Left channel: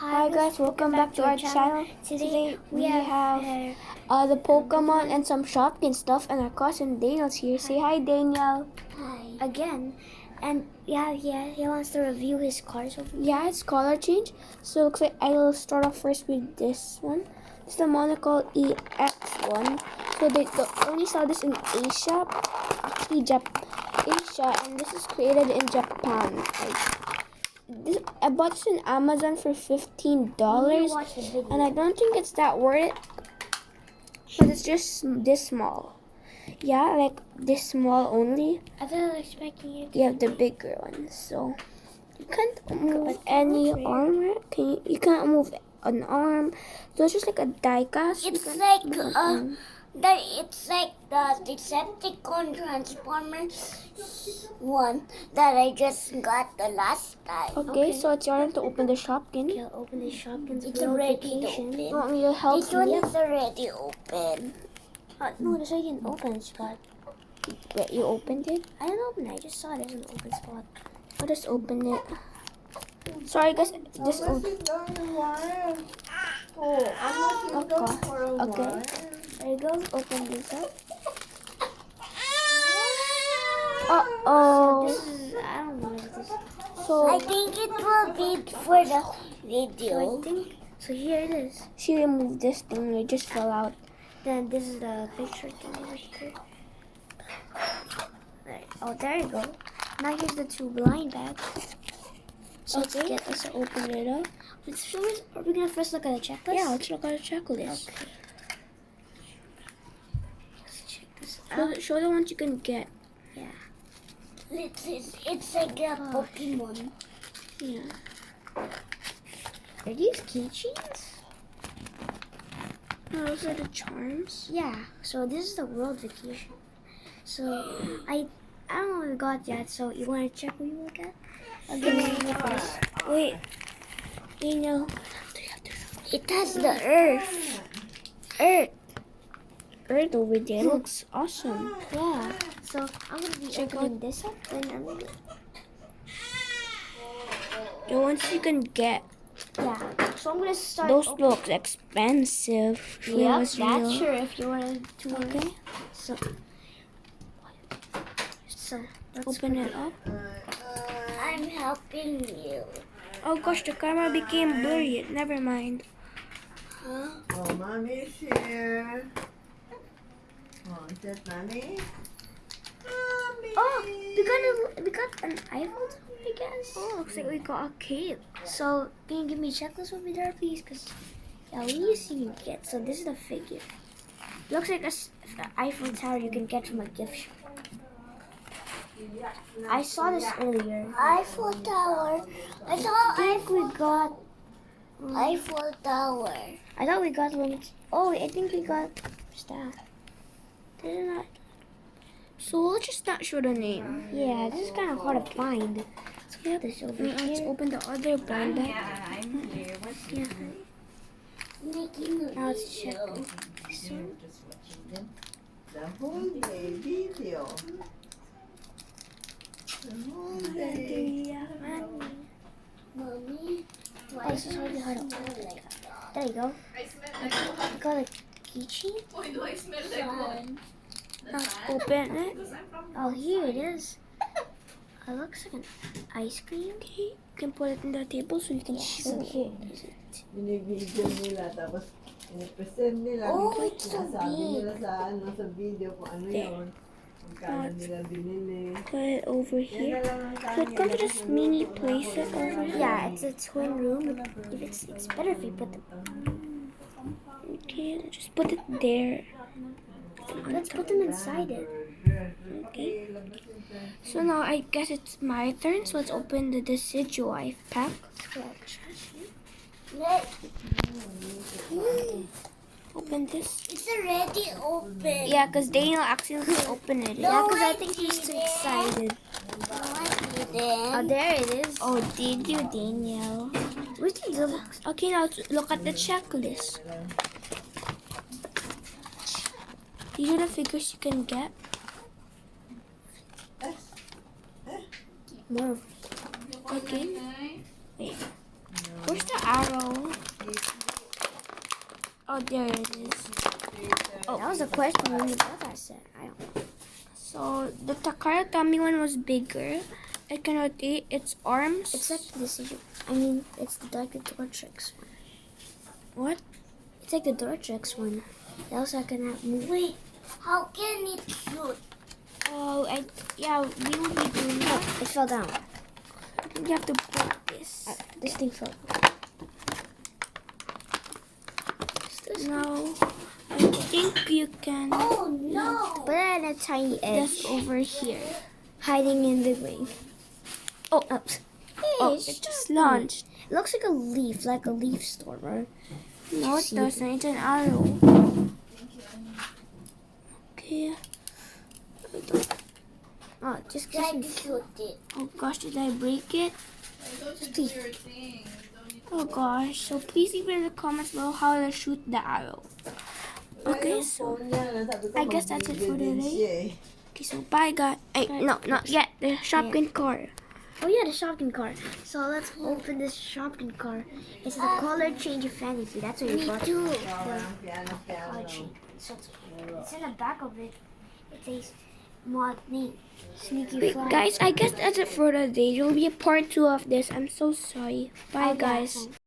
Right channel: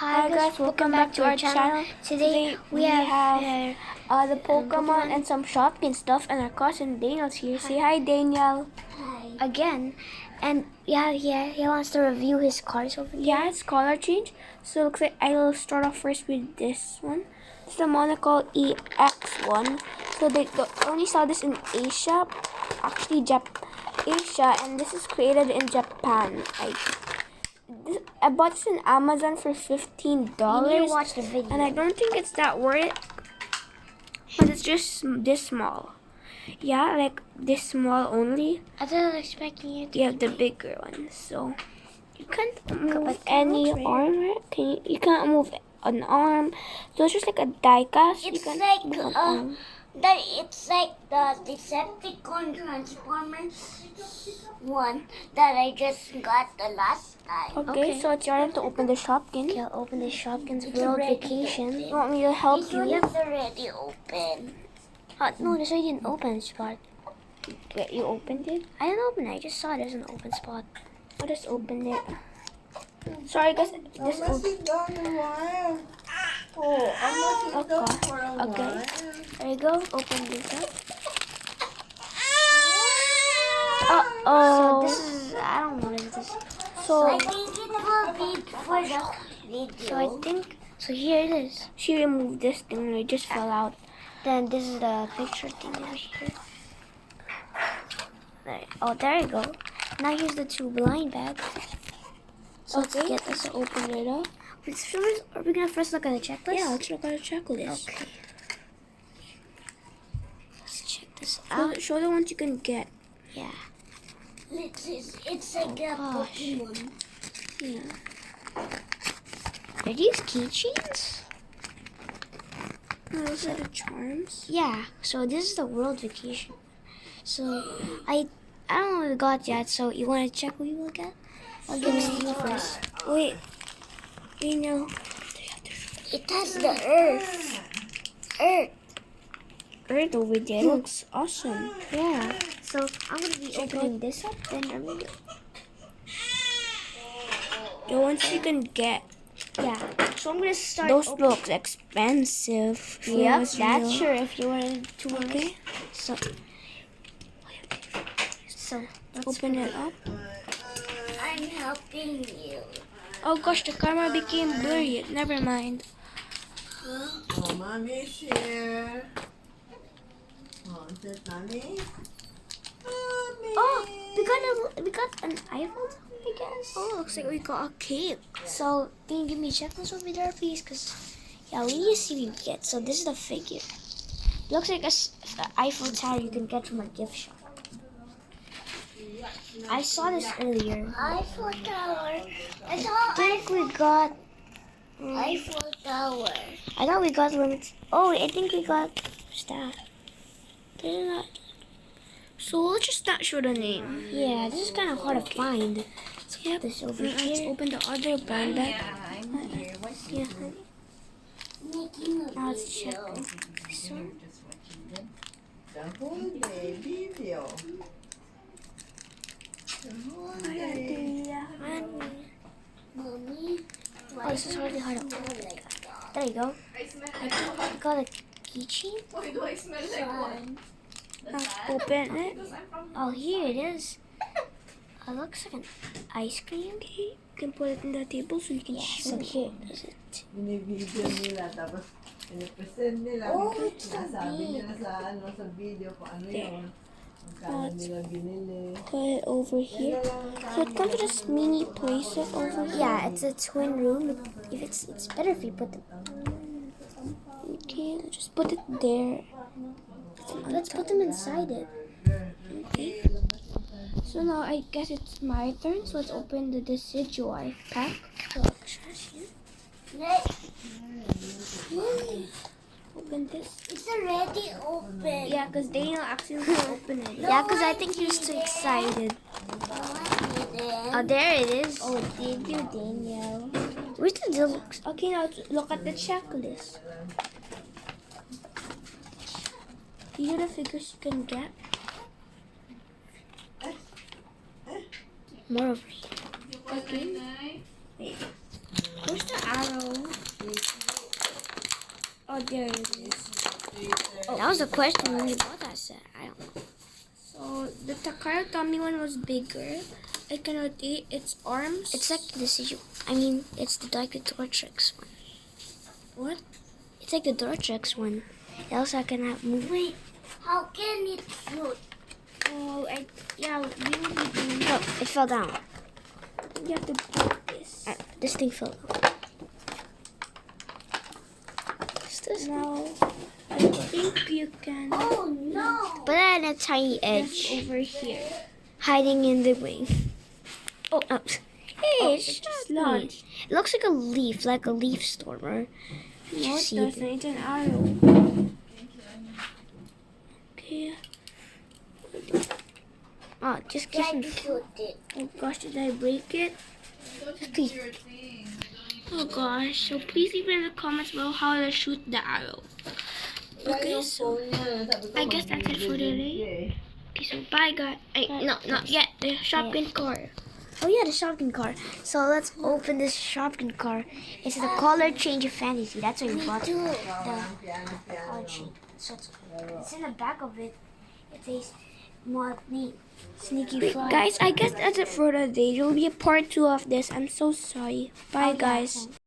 Hi guys, welcome back to our channel. Today we have the Pokemon and some Shopkins stuff, and our cousin Daniel's here. Say hi, Daniel. Hi. Again. And he wants to review his cars over here. Yeah, it's color change. So looks like I'll start off first with this one. It's the Monocle EX1. So they only saw this in Asia, actually Asia, and this is created in Japan. I bought this on Amazon for $15, Watch the video. and I don't think it's that worth it, but it's just this small. Yeah, like this small only. I was expecting you to You have the bigger one, so you can't move any arm, right? You can't move an arm. So it's just like a die cast. It's you like move an arm. it's like the Decepticon Transformers one that I just got the last time. Okay, so it's your turn to open the Shopkins. Okay, I'll open the Shopkins World Vacation. You want me to help This you? one is already open. No, this one didn't open spot. Wait, you opened it? I didn't open it. I just saw it as an open spot. I just opened it. Sorry, guys. This opened. Okay. There you go. Open this up. Uh-oh. So this is, I don't know what it is. So I think it will be for the video. So here it is. She removed this thing. It just fell out. Then this is the picture thing over here. Right. Oh, there you go. Now here's the two blind bags. So Let's open it up. Are we gonna first look at the checklist? Yeah, let's look at the checklist. Okay. Let's check this out. Show the ones you can get. Yeah. It's like a Pokemon. Yeah. Are these keychains? No, those are the charms. Yeah. So this is the World Vacation. So I don't know what we got yet. So you want to check what you will get? I'll give you first. Wait. Daniel. It has the Earth. Earth over there. It looks awesome. Yeah. So I'm gonna be opening this up. Then I'm gonna. The ones you can get. Yeah. So I'm gonna start. Those look expensive. Yeah, that's that's sure if you wanted to. Okay. So let's Open it up. I'm helping you. Oh gosh, the camera became blurry. Never mind. Oh, Mommy's here. Oh, is that Mommy? Mommy! Oh, we got an Eiffel Tower, I guess. Oh, looks like we got a cake. So can you give me a checklist over there, please? Cause yeah, we need to see what we get. So this is the figure. Looks like the Eiffel Tower you can get from a gift shop. I saw this earlier. Eiffel Tower. I think we got Eiffel Tower. I thought we got limits. Oh, I think we got staff. Isn't that? So let's just not show the name. Yeah, this is kind of hard to find. So yep. This over Let's here. open the other blind bag. I'm here. What's Yeah. Now let's check. I'm just watching them. The whole day video. The whole day. Mommy. Oh, this is really hard to open. There you go. We got a keychain. Now let's open it. Oh, here it is. It looks like an ice cream. Okay. You can put it in the table so you can show So here it. is it. Binibideo nila tapos pinipresent nila. Oh, it's so Sinasabi big. nila sa video kung ano yun. Magkano nila binili. Put it over Yan here. na lang ang So it's going to just mini place it over here. Yeah, it's a twin room. If it's better if you put the. Okay, just put it there. Let's put them inside it. Okay. So now I guess it's my turn. So let's open the Decidueye pack. Open this. It's already open. Yeah, because Daniel accidentally opened it. Yeah, because I think he's too excited. Oh, there it is. Oh, did you, Daniel? Where's the deluxe? Okay, now let's look at the checklist. These are the figures you can get. More over here. Okay. Wait. Where's the arrow? there it is. Oh, that was a question when we bought that set. I don't know. So the Takara Tommy one was bigger. It can rotate its arms. It's like the Decidueye. I mean, it's like the Tortrix one. What? It's like the Tortrix one. It also can have move. Wait, how can it float? Oh, yeah, we will be doing No, it fell down. I think you have to put this. This thing fell. No, I think you can Oh no! But then a tiny this edge over here. hiding in the wing. Oh, hey, Oh, it's it just shiny. launched. It looks like a leaf stormer. No, it see doesn't. It's an arrow. Okay. Oh, just Try kiss to me. float it. Oh gosh, did I break it? Please. Oh gosh. So please leave in the comments below how to shoot the arrow. Okay, so I guess that's it for today. Okay, so bye guys. No, not yet. The Shopkin car. Oh yeah, the Shopkin car. So let's open this Shopkin car. It's the color change of fantasy. That's what we bought. Do it. Color change. So it's in the back of it. It says mod name. Sneaky Wait, fly. guys, I guess that's it for today. There will be a part 2 of this. I'm so sorry. Bye, guys.